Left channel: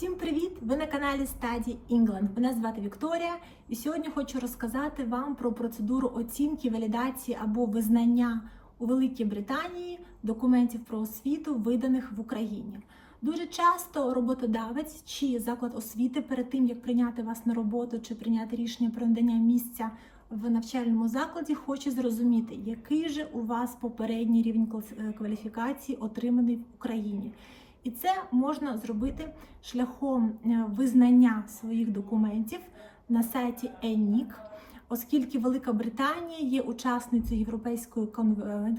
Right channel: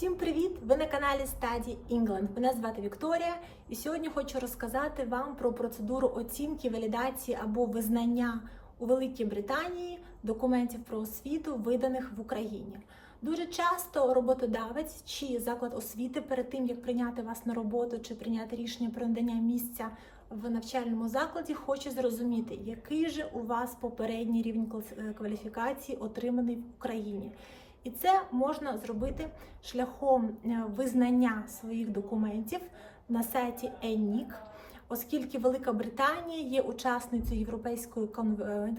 Всім привіт! Ви на каналі Study England. Мене звати Вікторія, і сьогодні хочу розказати вам про процедуру оцінки, валідації або визнання у Великій Британії документів про освіту, виданих в Україні. Дуже часто роботодавець чи заклад освіти перед тим, як прийняти вас на роботу чи прийняти рішення про надання місця в навчальному закладі, хоче зрозуміти, який же у вас попередній рівень кваліфікації отриманий в Україні. І це можна зробити шляхом е, визнання своїх документів на сайті ENIC, оскільки Велика Британія є учасницею Європейської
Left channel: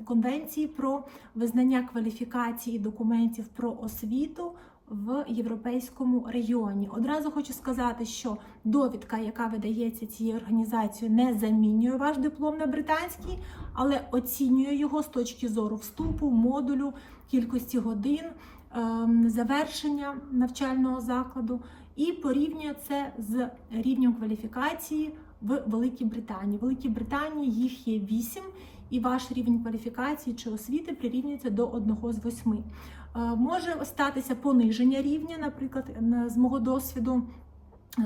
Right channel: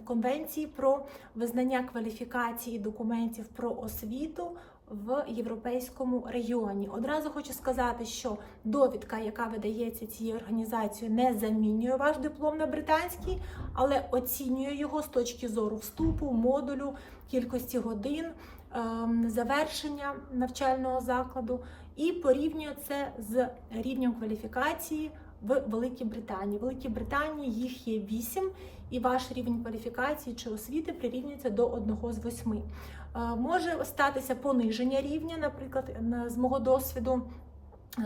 конвенції про визнання кваліфікації документів про освіту в європейському регіоні. Одразу хочу сказати, що довідка, яка видається цією організацією, не замінює ваш диплом на британський, але оцінює його з точки зору вступу, модулю, кількості годин завершення навчального закладу і порівнює це з рівнем кваліфікації в Великій Британії. В Великій Британії їх є 8, і ваш рівень кваліфікації чи освіти прирівнюється до одного з восьми. Е, Може статися пониження рівня, наприклад, з мого досвіду.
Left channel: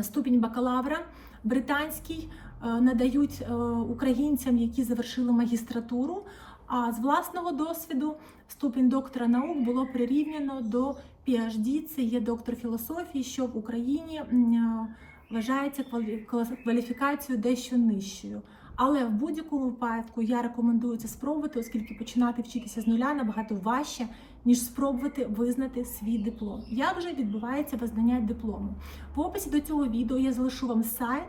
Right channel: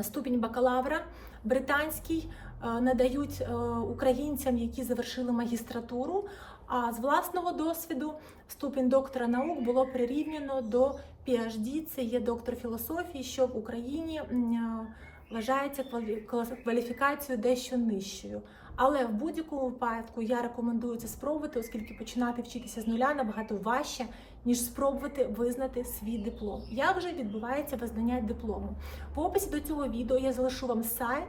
Ступінь бакалавра британський е, надають е, українцям, які завершили магістратуру. А з власного досвіду ступінь доктора наук було прирівняно до PhD, це є доктор філософії, що в Україні е, вважається квалі- кваліфікацією дещо нижчою. Але в будь-якому випадку я рекомендую це спробувати, оскільки починати вчитися з нуля набагато важче, ніж спробувати визнати свій диплом. Як же відбувається визнання диплому? В описі до цього відео я залишу вам сайт,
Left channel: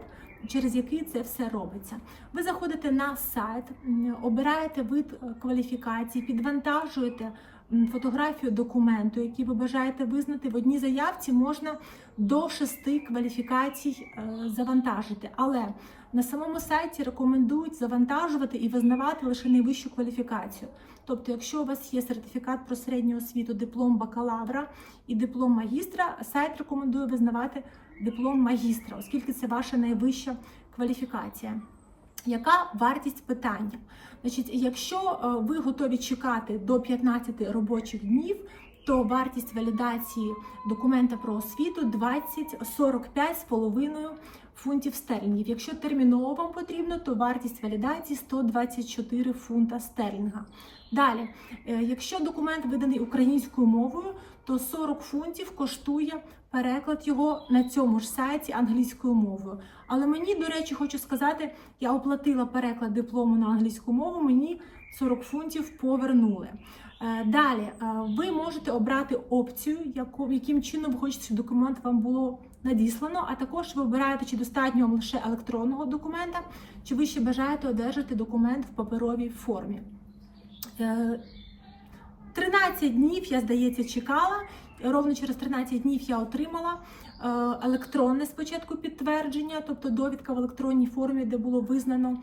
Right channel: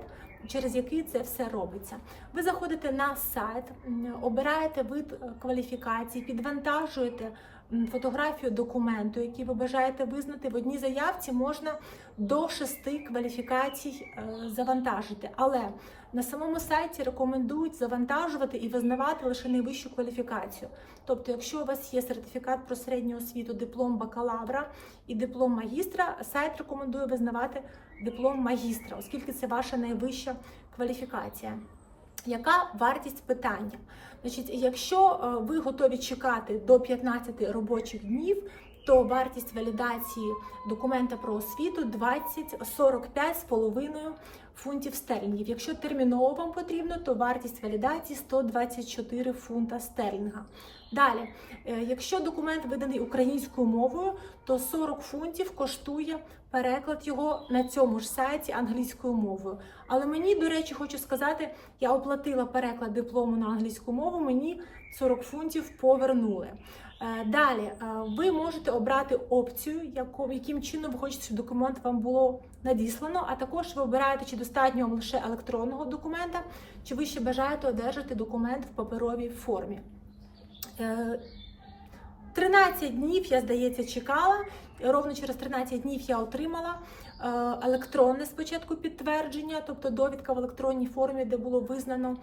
через який це все робиться. Ви заходите на сайт, обираєте вид е, кваліфікації, підвантажуєте фотографію документу, який ви бажаєте визнати. В одній заявці можна до шести кваліфікацій е, завантажити. Але на самому сайті рекомендують завантажувати і визнавати лише найвищу кваліфікацію. Тобто, якщо у вас є сертифікат про середню освіту, диплом бакалавра і диплом магістра, сайт рекомендує визнавати диплом магістра, оскільки це ваша найвища кваліфікація. Яка вартість питання? Значить, якщо е, ви готові чекати до 15 робочих днів, то вартість валідації документа про освіту 20 45,5 фунтів стерлінгів. Якщо терміново вам потрібно, то вартість валідації 124 фунта стерлінга. Далі, е, якщо документ виданий українською мовою, то 40 фунтів коштує переклад його на цьому ж сайті англійською мовою. Але мені, до речі, хочу сказати, я оплатила переклад диплому на англійську мову, мені 40 фунтів повернули. Е, Далі е, ви можете обрати опцію, яким чином ви хочете, щоб документ вам було надіслано, а також ви обираєте, чи достатньо вам лише електронного документа, чи ви ще бажаєте одержати документ в паперовій формі. Е, 13 днів я, здається, чекала. Ровно через 13 днів я отримала е, електронне спочатку підтвердження, тобто довідка в електронній формі, де було визнано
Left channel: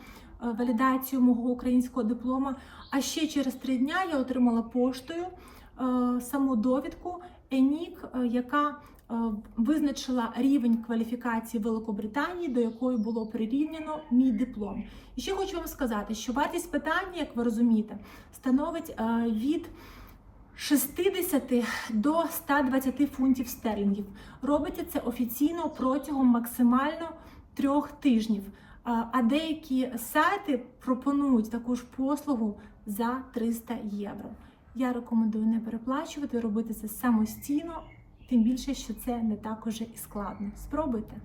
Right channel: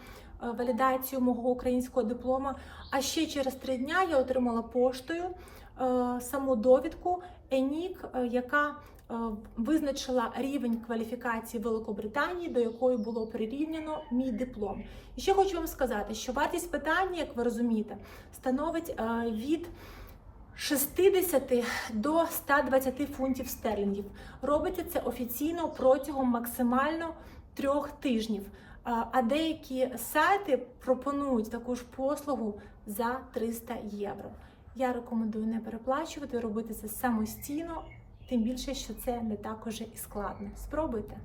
е, валідацію мого українського диплома. А ще через 3 дня я отримала поштою е, саму довідку ЕНІК, е, яка е, визначила рівень кваліфікації Великобританії, до якої було прирівняно мій диплом. І ще хочу вам сказати, що вартість питання, як ви розумієте, становить е, від 60 до 120 фунтів стерлінгів. Робиться це офіційно протягом максимально трьох тижнів. А- деякі сайти пропонують таку ж послугу за 300 євро. Я рекомендую не переплачувати, робити це самостійно, тим більше, що це не так уже і складно. Спробуйте.